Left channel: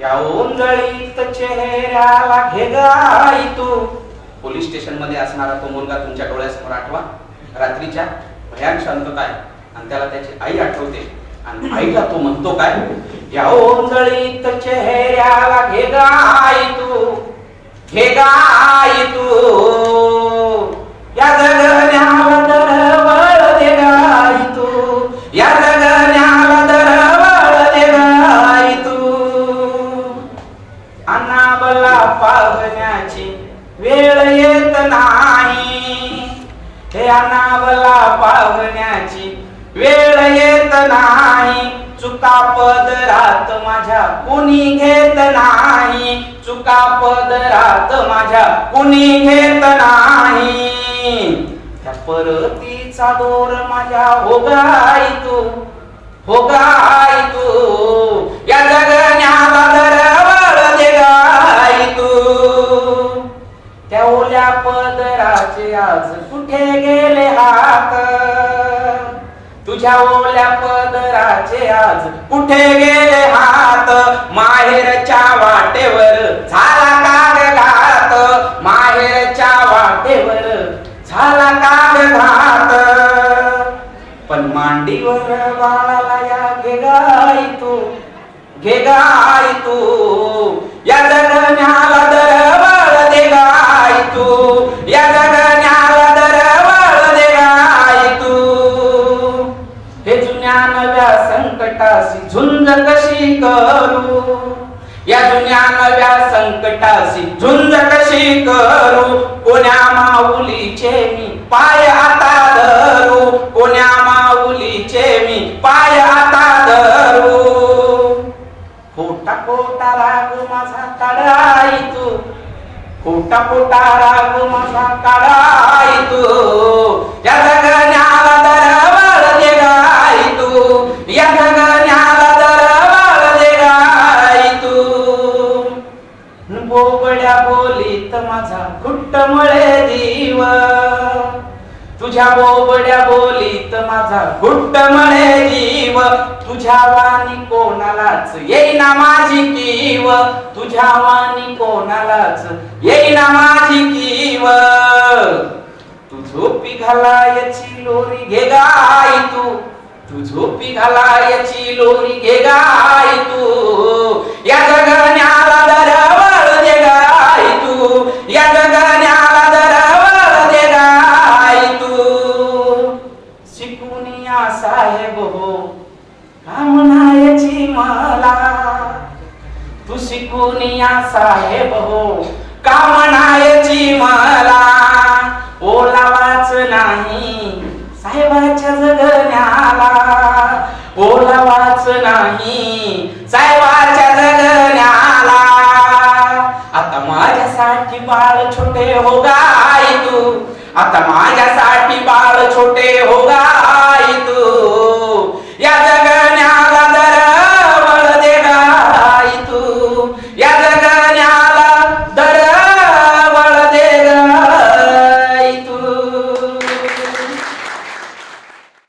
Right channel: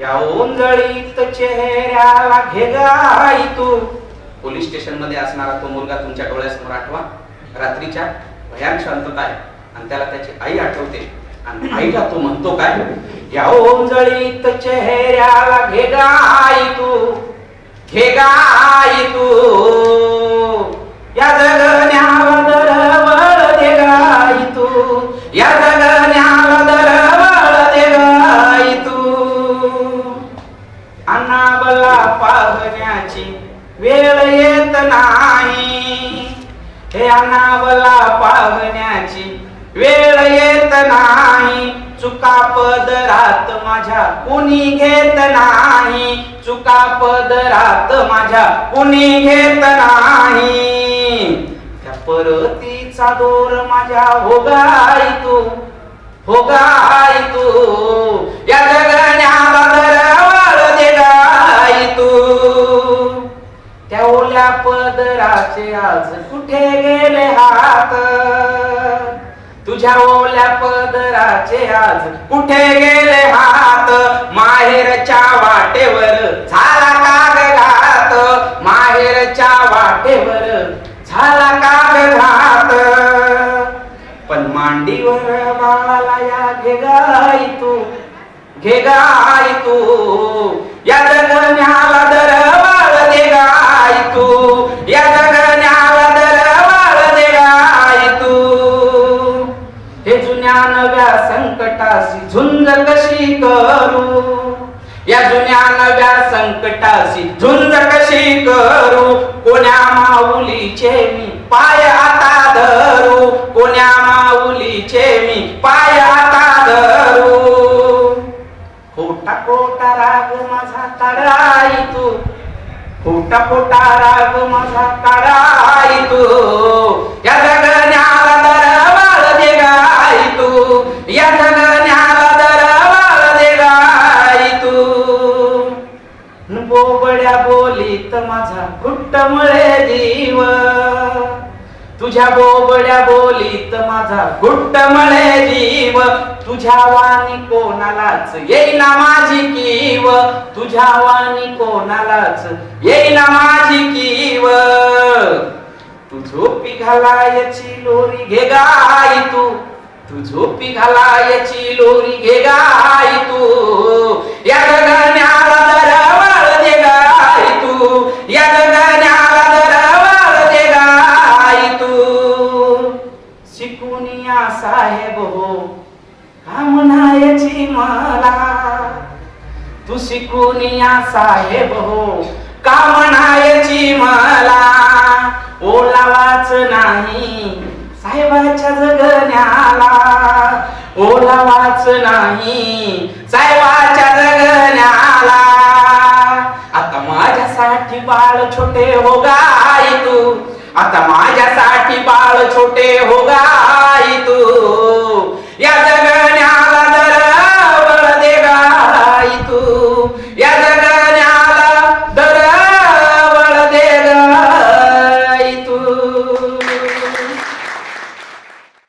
या ओंजळीत चेहऱ्याला घेगाई तू. पोलीस स्टेशनमध्ये असणारा तो मुलगा तुमच्या डोळ्यासमोर आठवा. रात्रीच्या भयान शांतता आहे आणि त्याला त्याची आई आठवते. आणि आईला तो म्हणतो काय? या ओंजळीत चेहऱ्याला घेगाई तू. घेगाई तू. पाहण्याची वेळ येत नाही. हे अनाबला पाहण्याची वेळ येत नाही. चुका पदरात माझ्या कुणी घेत नाही. चुका पदरात माझ्या कुणी घेत नाही. त्या परतीचा दोर माझ्या होगाई तू होगाई तू. या पदराचे आज कुठे गेले हात? तुझ्या ओल्या पदराचे आज कुठे गेले हात? माहेरच्या वाटेवर झाला काग घात? माहेरच्या वाटेवर झाला काग घात? पण मांडीवर बाळाला या घे तू घेगाई तू या दरम्यान संकटाशी झुंज कशी करू. या जुन्या नव्या संकटाशी झुंज कशी करू. कोण्या माऊलीचे मी पाय आता धरू. कोण्या माऊलीचे मी पाय आता धरू. खोटा खोटा राग माझा काढाई तू खोटा खोटा राग माझा काढाई तू या जगा बोबड्या बोलीत माझा घुट्ट मळे जीव. तुझ्या बोबड्या बोलीत माझा घुट्ट मळे जीव. तुझ्या वाणी कोणालाच येईना माझी कीव. तुझ्या वाणी कोणालाच येईना माझी कीव. तू झोपी घालायची लोरी घे गाय तू. तू झोपी घालायची लोरी घे गाय तू. या शिकून या साहेब हो. का म्हणायची मला? ओलावाच नाही. साहेबाच्या जगण्याला. ओलावाच नाही. साहेबाच्या जगण्याला. आता माझ्यासाठी बाळ छोटे हो गाई तू. आता माझ्यासाठी बाळ छोटे हो गाई तू. या जग